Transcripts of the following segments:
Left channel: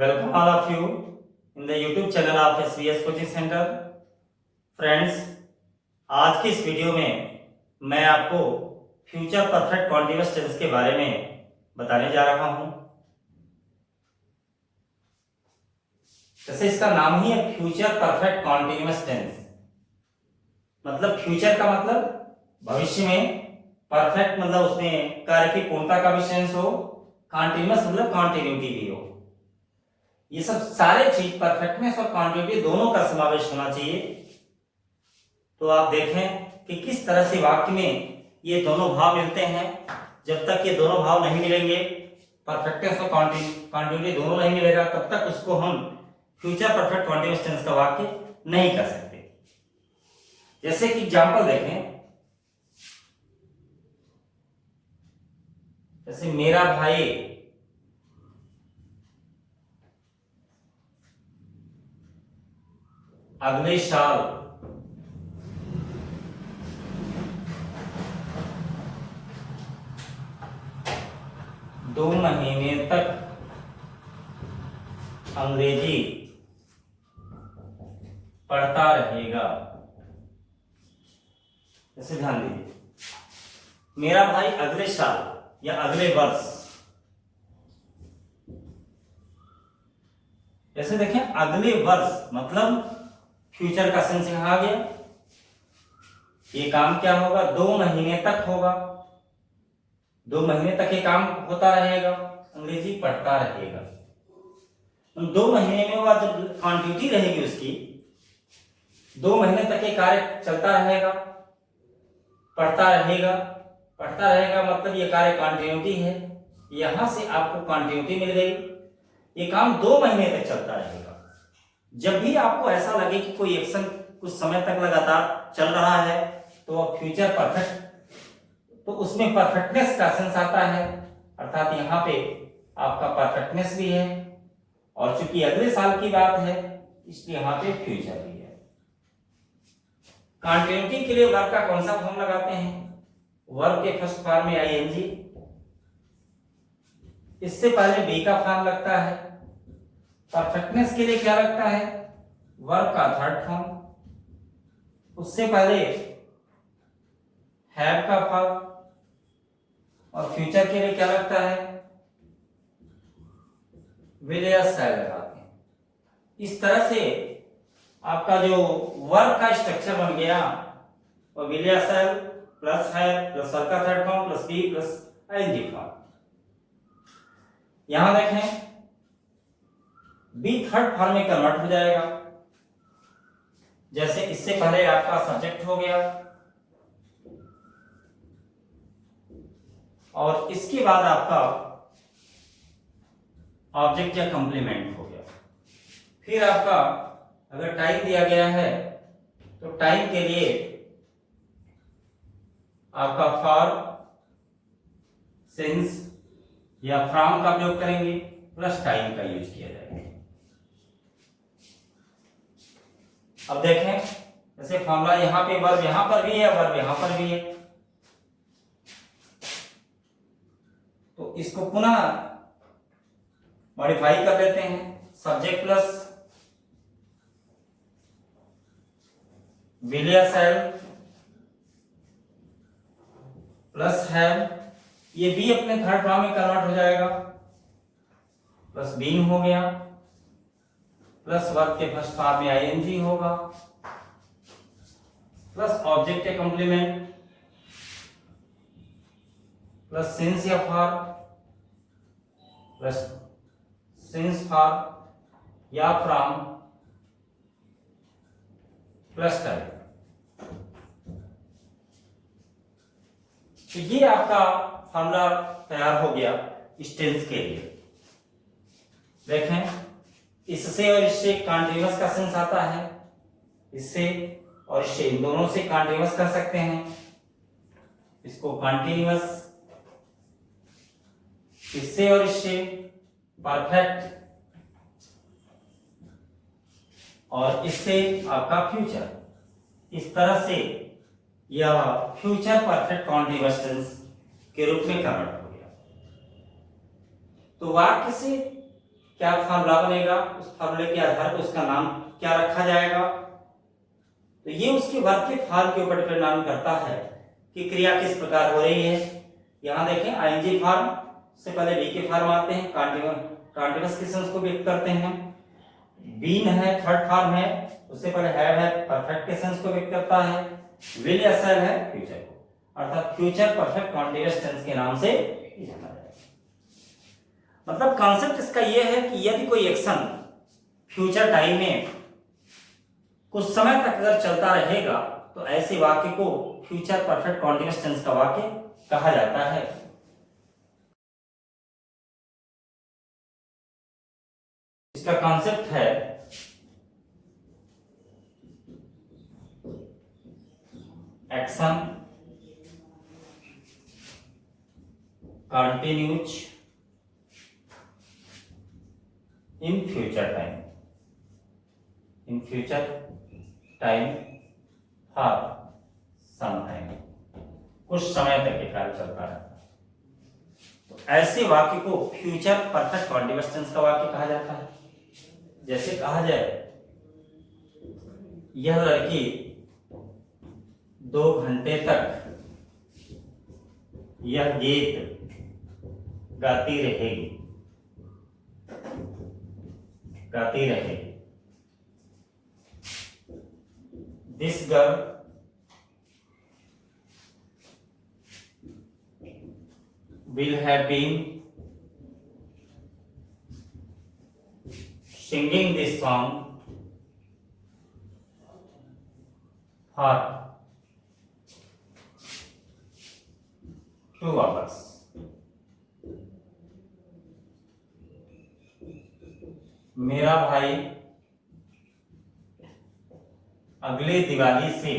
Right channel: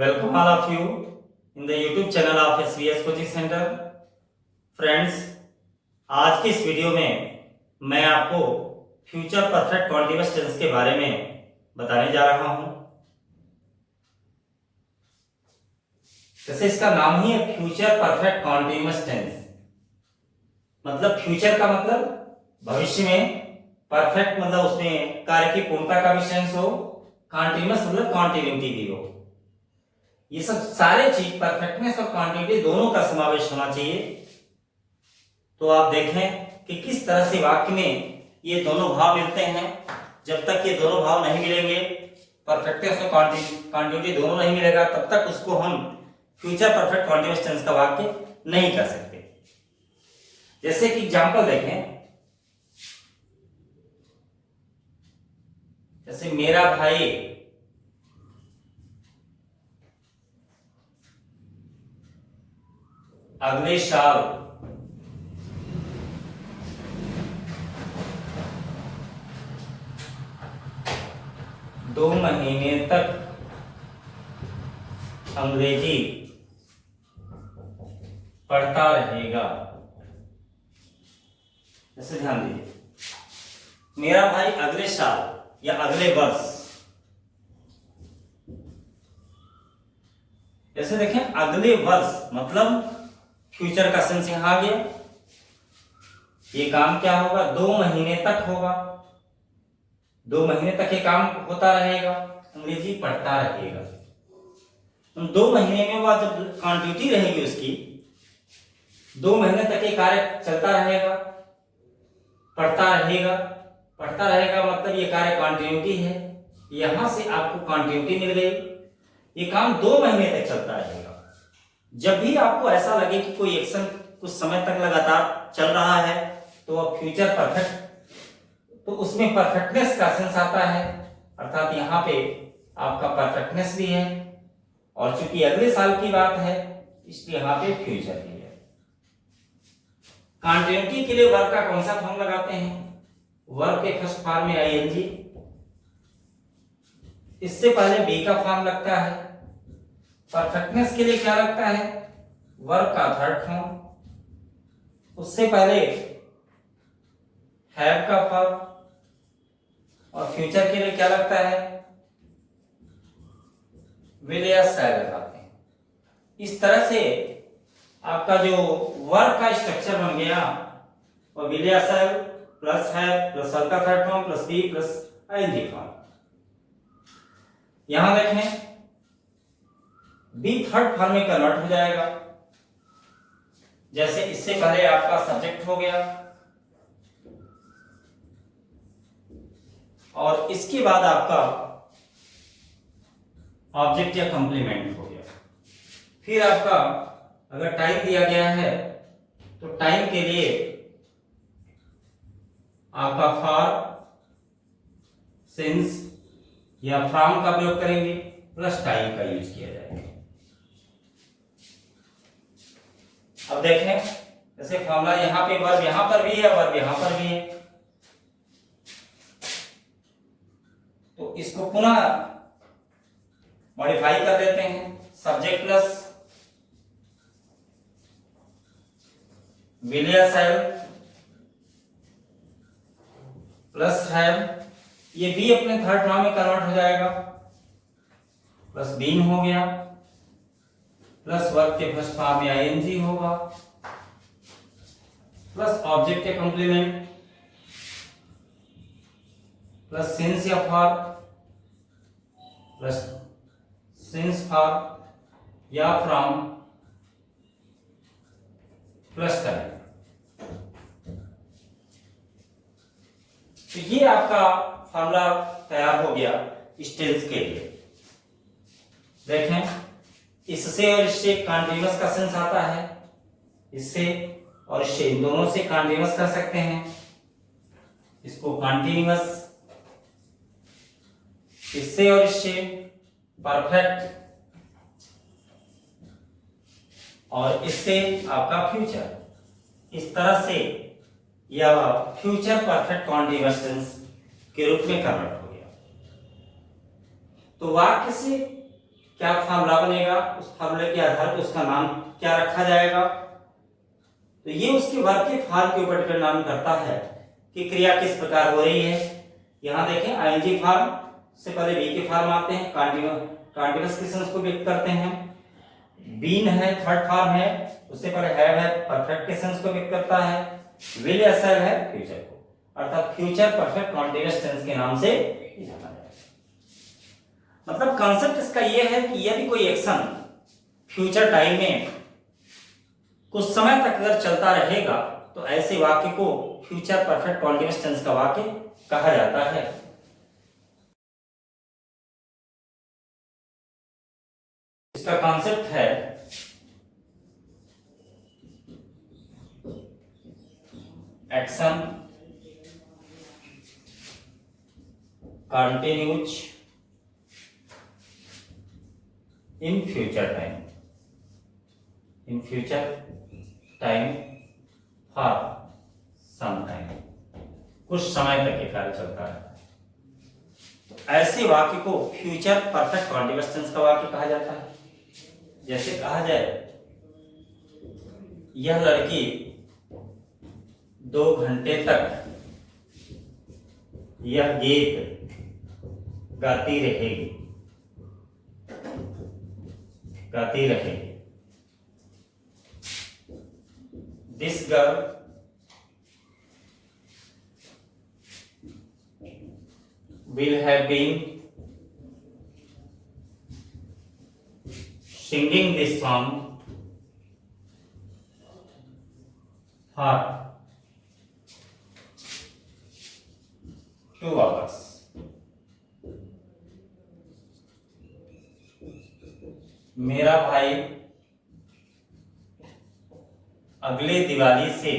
Welcome all of you in the YouTube channel of SVS Coaching Center. Friends, आज के इस video में मैं आपको फ्यूचर परफेक्ट कॉन्टिन्यूअस टेंस के बारे में बताने जा रहा हूं। जैसे इसका नाम ही है फ्यूचर परफेक्ट कॉन्टिन्यूअस टेंस, मतलब फ्यूचर का मतलब भविष्य में, परफेक्ट मतलब उसमें कार्य की पूर्णता का भी सेंस हो, कॉन्टिन्यूअस मतलब कॉन्टिन्यूटी भी हो। ये सब सारे चीज परफेक्टनेस और क्वांटिटी दोनों का समावेश होना चाहिए। तो आप देखें कि किस तरह से वाक्य में ये दोनों भाव मिलते हैं। जब तक ये दोनों भाव नहीं मिलेंगे, परफेक्टनेस और क्वांटिटी दोनों नहीं मिलेगा, तब तक उसको हम फ्यूचर परफेक्ट कॉन्टिन्यूअस टेंस का वाक्य नहीं कर सकते। जैसे कि एग्जांपल देखें, जैसे मेरा भाई अगले साल दो महीने तक अंग्रेजी पढ़ता रहेगा। जैसे ध्यान दीजिए, मेरा भाई अगले साल या अगले वर्ष, जैसे देखें अगले वर्ष मतलब फ्यूचर का सेंस यहां आ गया। ये काम क्या होगा? 2 महीने तक होगा। 2 महीने तक ये काम होता रहेगा, अंग्रेजी पढ़ता रहेगा। 2 महीने में वह जब क्वांटिटी रहेगी उसकी, 2 महीने तक ये कार्य चलता रहेगा, पढ़ता रहेगा। पढ़ता रहेगा मतलब ये कार्य कंटिन्यूटी है। यहां से आपको कंटिन्यूटी मिल गई। ये काम 2 महीने तक चलता रहेगा। जब भी आपको ऐसा लगे कि कोई एक्शन कुछ समय तक लगातार चल रहा है, तो वह फ्यूचर परफेक्ट, तो उसमें परफेक्टनेस का सेंस आता है, अर्थात यहाँ पे आपका परफेक्टनेस भी है। और चूंकि अगले साल की बात है, इसलिए यहाँ पे फ्यूचर भी है। कंटिन्यूटी के लिए वर्ब का कौन सा फॉर्म लगाते हैं? वर्ब के फर्स्ट फॉर्म में आईएनजी, इससे पहले बी का फॉर्म लगता है। परफेक्टनेस के लिए क्या लगता है? वर्ब का थर्ड फॉर्म, उससे पहले हैव का फॉर्म, और फ्यूचर के लिए क्या लगता है? विल या शैल लगाते हैं। इस तरह से आपका जो वर्ब का स्ट्रक्चर बन गया, और विल या shall plus have plus verb का third form plus be plus ING form. यहां देखें बी थर्ड फॉर्म में कन्वर्ट हो जाएगा। जैसे इससे पहले आपका सब्जेक्ट हो गया, और इसके बाद आपका ऑब्जेक्ट या कंप्लीमेंट हो गया। फिर आपका अगर टाइम दिया गया है, तो टाइम के लिए आपका फॉर, सिंस या फ्रॉम का प्रयोग करेंगे, प्लस टाइम का यूज किया जाएगा। अब देखें, जैसे फॉर्मूला यहां पे वर्ब यहां पर भी है, वर्ब यहां पर भी है, तो इसको पुनः मॉडिफाई कर लेते हैं। सब्जेक्ट प्लस विल या शैल प्लस हैव, ये बी अपने थर्ड फॉर्म में कन्वर्ट हो जाएगा, प्लस बीन हो गया, प्लस वर्ब के फर्स्ट फॉर्म में आईएनजी होगा, प्लस ऑब्जेक्ट के कॉम्प्लीमेंट, प्लस सिंस या फॉर, प्लस सिंस फॉर या फ्रॉम, प्लस टाइम। तो ये आपका फॉर्मूला तैयार हो गया इस टेंस के लिए। देखें, इससे और इससे कंटीन्यूअस का सेंस आता है, इससे और इससे, इन दोनों से कंटीन्यूअस कर सकते हैं। इसको कंटीन्यूअस, इससे और इससे परफेक्ट, और इससे आपका फ्यूचर। इस तरह से यह फ्यूचर परफेक्ट कॉन्टिन्यूअस टेंस के रूप में कन्वर्ट हो गया। तो वाक्य से क्या फार्मूला बनेगा, उस फार्मूले के आधार पर उसका नाम क्या रखा जाएगा। तो ये उसके वर्ब के फॉर्म के ऊपर डिपेंड करता है कि क्रिया किस प्रकार हो रही है। यहाँ देखें आईएनजी फॉर्म से पहले बी के फॉर्म आते हैं, कॉन्टिन्यूअस क्वेश्चंस को व्यक्त करते हैं। बीन है थर्ड फॉर्म है, उससे पहले हैव है परफेक्ट क्वेश्चंस को व्यक्त करता है। विल या शैल है फ्यूचर को, अर्थात फ्यूचर परफेक्ट कॉन्टिन्यूअस टेंस के नाम से जाना जाएगा। मतलब कॉन्सेप्ट इसका यह है कि यदि कोई एक्शन फ्यूचर टाइम में कुछ समय तक अगर चलता रहेगा तो ऐसे वाक्य को फ्यूचर परफेक्ट कॉन्टिन्यूअस टेंस का वाक्य कहा जाता है। इसका कॉन्सेप्ट है action continues in future time, in future time for some time, कुछ समय तक ये कार्य चलता है। तो ऐसे वाक्य को फ्यूचर परफेक्ट कॉन्टिन्यूअस टेंस का वाक्य कहा जाता है। जैसे कहा जाए यह लड़की 2 घंटे तक यह गीत गाती रहेगी, गाती रहेगी। This girl will have been singing this song for 2 hours. मेरा भाई अगले दिवाली से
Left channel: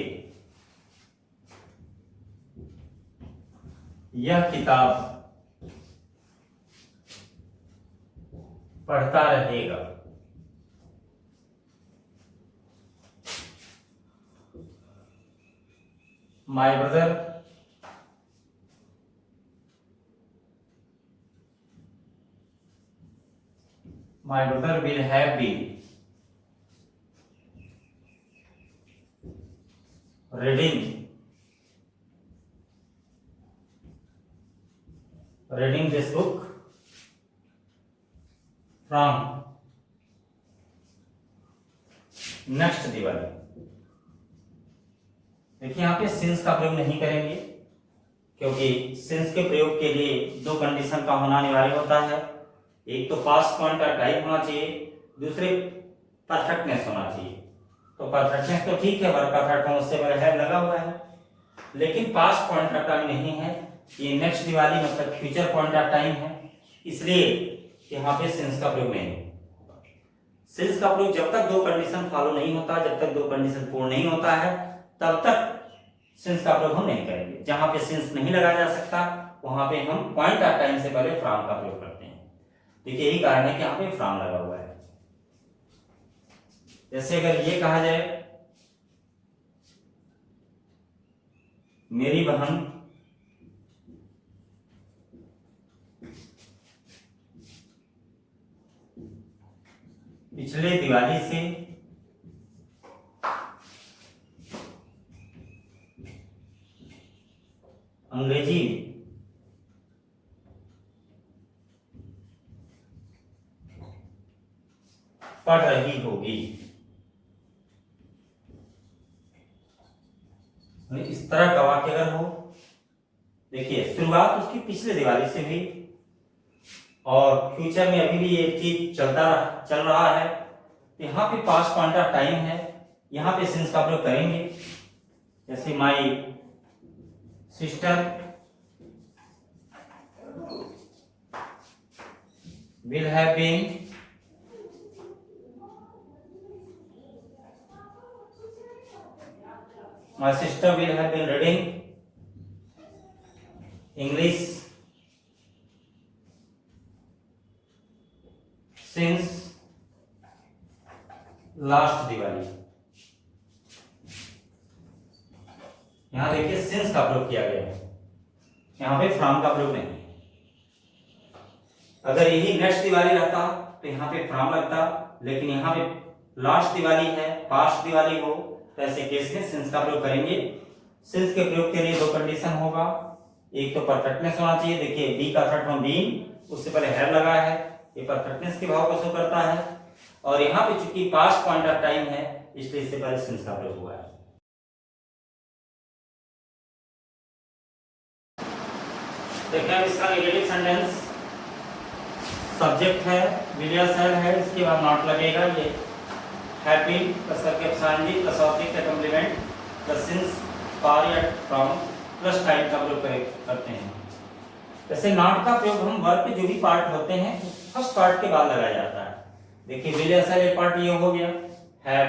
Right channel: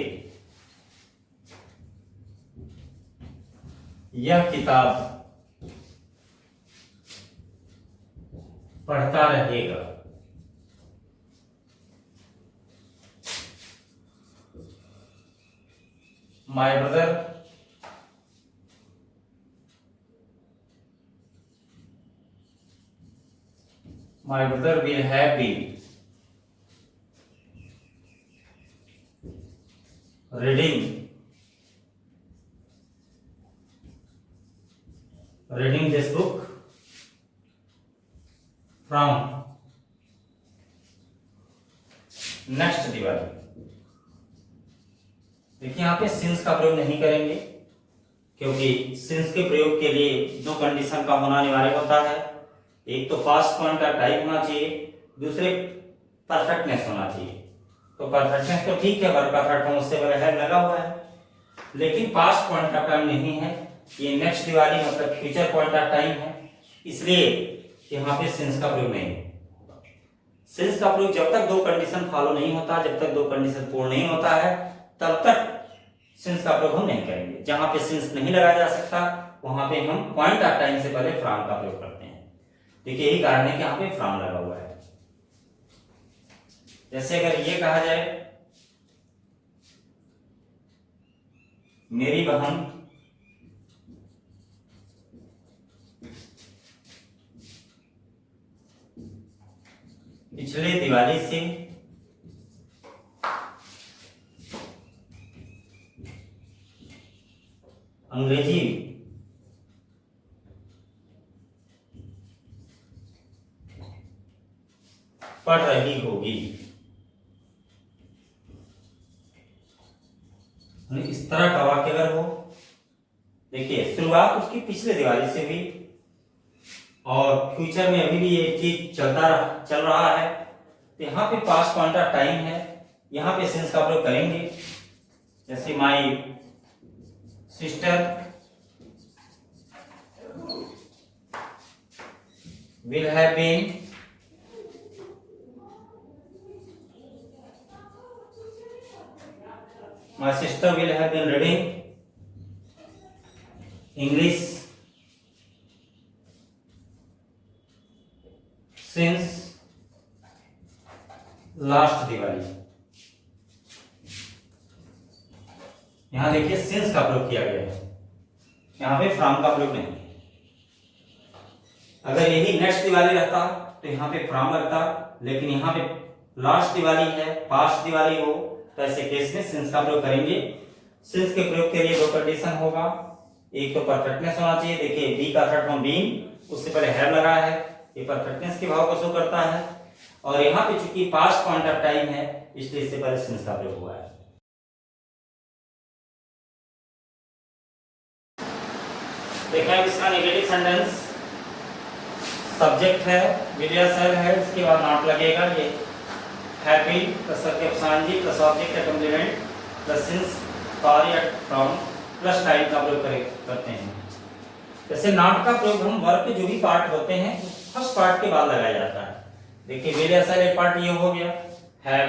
यह किताब पढ़ता रहेगा। My brother will have been reading this book from next Diwali. देखिए यहाँ पे सिंस का प्रयोग नहीं करेंगे क्योंकि सिंस के प्रयोग के लिए 2 कंडीशन का होना अनिवार्य होता है। एक तो पास्ट पॉइंट का टाइप होना चाहिए, दूसरे परफेक्टनेस होना चाहिए। तो परफेक्टनेस तो ठीक है, वर्ब परफेक्ट फॉर्म उससे पहले है लगा हुआ है, लेकिन पास्ट पॉइंट का टाइम नहीं है। ये नेक्स्ट दिवाली मतलब फ्यूचर पॉइंट का टाइम है, इसलिए यहाँ पे सिंस का प्रयोग नहीं है। सिंस का प्रयोग जब तक 2 कंडीशन फॉलो नहीं होता, जब तक 2 कंडीशन पूर्ण नहीं होता है, तब तक सिंस का प्रयोग हम नहीं करेंगे। जहां पे सिंस नहीं लगाया जा सकता वहां पे हम पॉइंट ऑफ टाइम से पहले फ्रॉम का प्रयोग करते हैं। देखिए यही कारण है कि यहाँ पे फ्रॉम लगा हुआ है। जैसे अगर ये कहा जाए मेरी बहन पिछले दिवाली से अंग्रेजी पढ़ रही होगी। इस तरह का वाक्य अगर हो, देखिए शुरुआत उसकी पिछले दिवाली से हुई और फ्यूचर में अभी भी ये चीज चल रहा है, तो यहाँ पे पास्ट पॉइंट ऑफ टाइम है, यहाँ पे सिंस का प्रयोग करेंगे। जैसे my sister will have been my sister will have been reading English since last Diwali. यहां देखिए सिंस का प्रयोग किया गया है, यहां पे फ्रॉम का प्रयोग नहीं है। अगर यही नेक्स्ट दिवाली रहता तो यहाँ पे फ्रॉम लगता, लेकिन यहाँ पे लास्ट दिवाली है, पास्ट दिवाली हो, तो ऐसे केस में सिंस का प्रयोग करेंगे। सिंस के प्रयोग के लिए दो कंडीशन होगा, एक तो परफेक्टनेस होना चाहिए। देखिए बी का थर्ड फॉर्म बीन, उससे पहले हैव लगा है, ये परफेक्टनेस के भाव को शो करता है। और यहाँ पे चूंकि पास्ट पॉइंट ऑफ टाइम है, इसलिए इससे पहले सिंस का प्रयोग हुआ है। देखिए इसका नेगेटिव सेंटेंस, सब्जेक्ट है, विलियर सेल है, इसके बाद नॉट लगेगा। ये happy plus subject plus object का कॉम्प्लीमेंट प्लस सिंस फॉर या फ्रॉम प्लस टाइम का प्रयोग करते हैं। जैसे नॉट का प्रयोग हम वर्ब के जो भी पार्ट होते हैं फर्स्ट पार्ट के बाद लगाया जाता है। देखिए विलियर सेल एक पार्ट ये हो गया, हैव,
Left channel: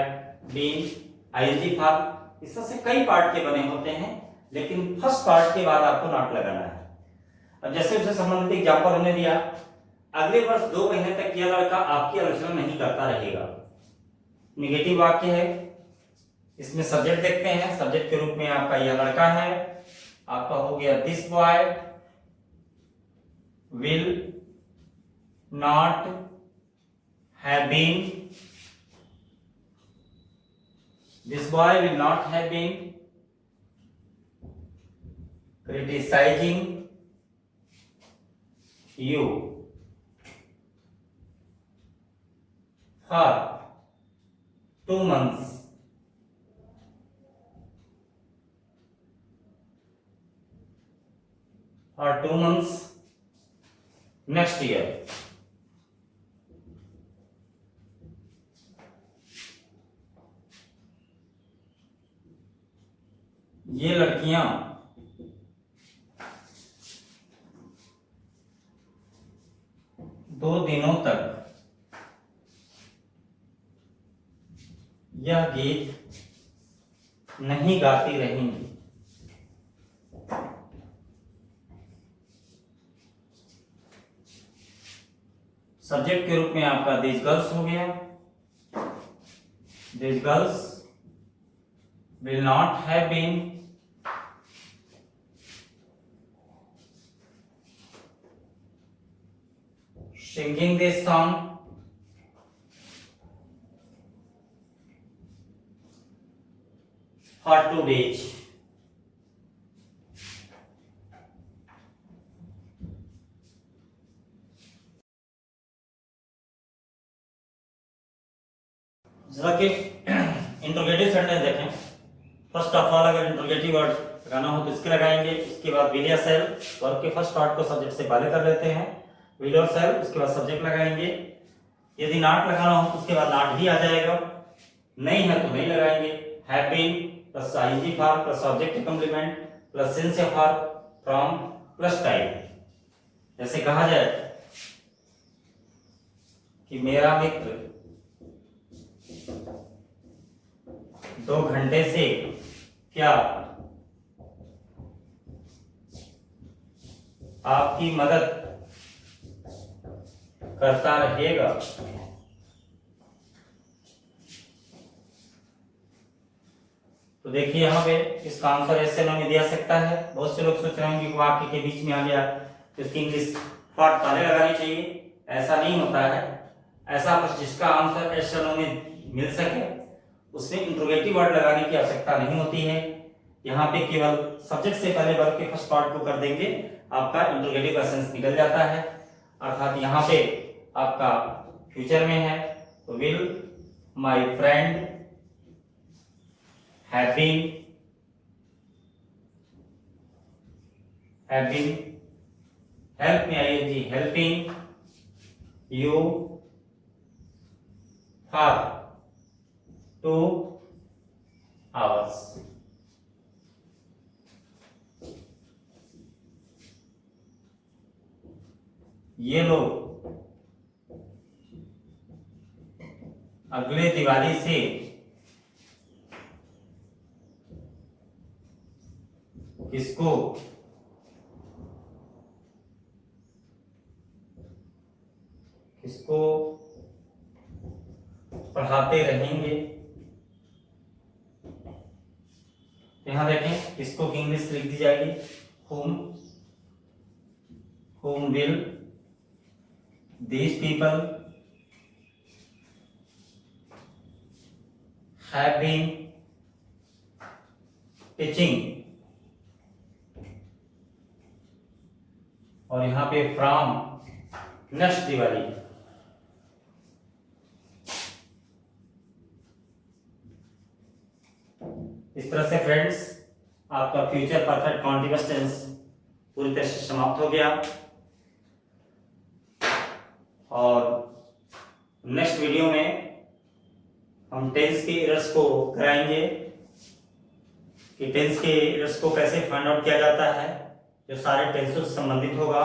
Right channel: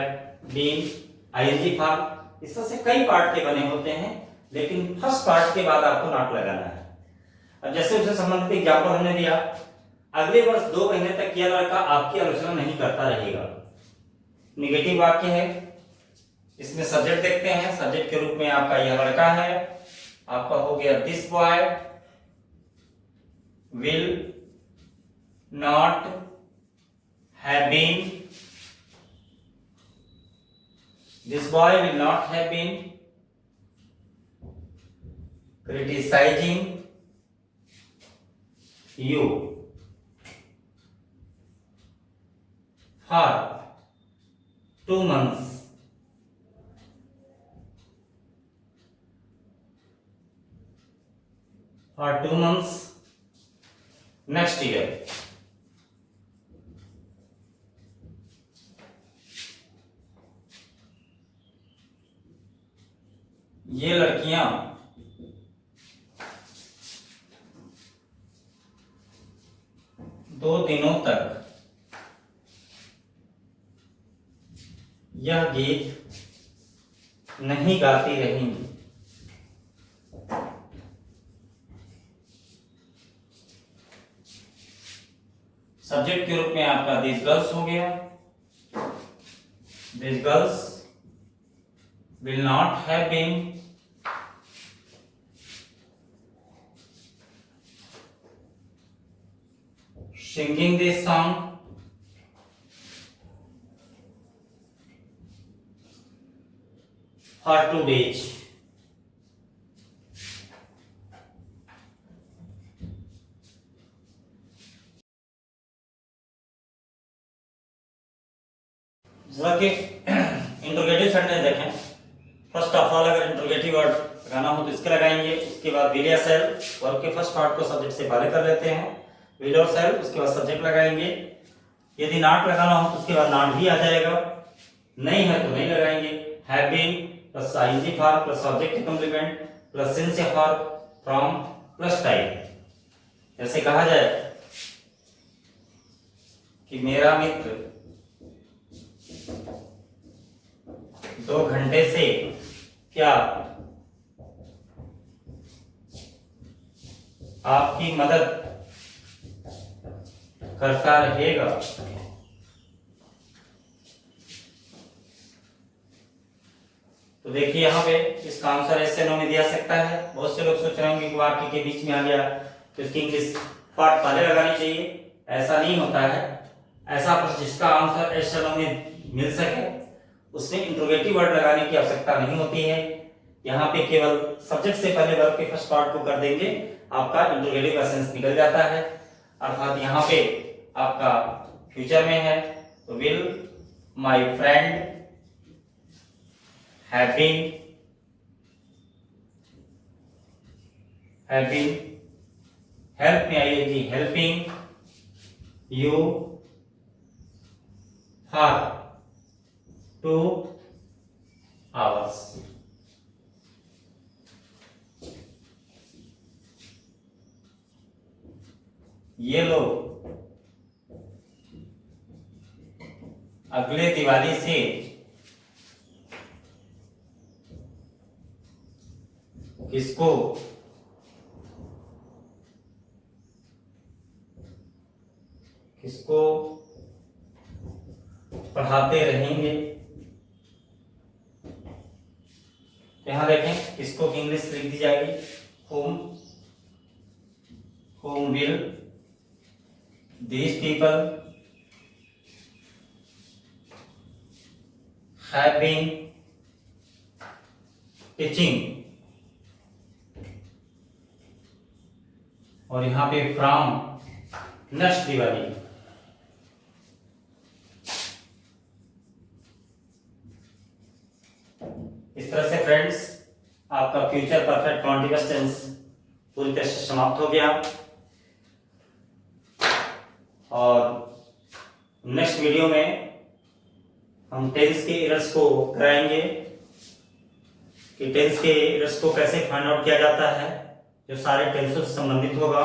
बीन, आईएनजी फॉर्म, इसमें से कई पार्ट के बने होते हैं, लेकिन फर्स्ट पार्ट के बाद आपको नॉट लगाना है। अब जैसे उससे संबंधित एग्जांपल हमने दिया, अगले वर्ष 2 महीने तक यह लड़का आपकी आलोचना नहीं करता रहेगा। निगेटिव वाक्य है, इसमें सब्जेक्ट देखते हैं, सब्जेक्ट के रूप में आपका यह लड़का है, आपका हो गया this boy will not have been, this boy will not have been criticising you for 2 months next year। ये लड़कियां दो दिनों तक यह गीत नहीं गाती रहीं। सब्जेक्ट के रूप में आपका दिस गर्ल्स हो गया, this girls will not have been singing this song for 2 days। जरा कि इंट्रोगेटिव सेंटेंस देखें। फर्स्ट ऑफ ऑल अगर इंट्रोगेटिव वर्ड लगाना हो तो इसके लगाएंगे, इसके बाद विल या सेल, वर्ब के फर्स्ट पार्ट को सब्जेक्ट से पहले कर लेते हैं, विल और सेल, उसके बाद सब्जेक्ट लगाएंगे। यदि नॉट लगाना हो तो उसके बाद नॉट भी आ जाएगा, नहीं है तो नहीं लगाएंगे। Have been plus ING form plus object का कॉम्प्लीमेंट प्लस सिंस या फॉर फ्रॉम प्लस टाइम। ऐसे कहा जाए कि मेरा मित्र 2 घंटे से क्या आपकी मदद करता रहेगा। तो देखिए यहाँ पे इसका आंसर ऐसे नो में दिया सकता है। बहुत से लोग सोच रहे होंगे कि वाक्य के बीच में आ गया तो इसकी इंग्लिश पार्ट पहले लगानी चाहिए, ऐसा नहीं होता है। ऐसा प्रश्न जिसका आंसर ऐसे नो में मिल सके उसमें इंट्रोगेटिव वर्ड लगाने की आवश्यकता नहीं होती है। यहाँ पे केवल सब्जेक्ट से पहले वर्ब के फर्स्ट पार्ट को कर देंगे, आपका इंट्रोगेटिव का सेंस निकल जाता है। अर्थात यहाँ पे आपका फ्यूचर में है तो will my friend have been help में I N G helping you for 2 hours। ये लोग अगले दिवाली से किसको पढ़ाते रहेंगे। यहां देखें किसको की इंग्लिश लिख दी जाएगी, whom will these people have been teaching, और यहां पे from next दिवाली। इस तरह से फ्रेंड्स आपका फ्यूचर परफेक्ट कॉन्टिन्यूअस टेंस पूरी तरह से समाप्त हो गया। और नेक्स्ट वीडियो में हम टेंस के एरर्स को कराएंगे कि टेंस के एरर्स को कैसे फाइंड आउट किया जाता है, जो सारे टेंसों से संबंधित होगा।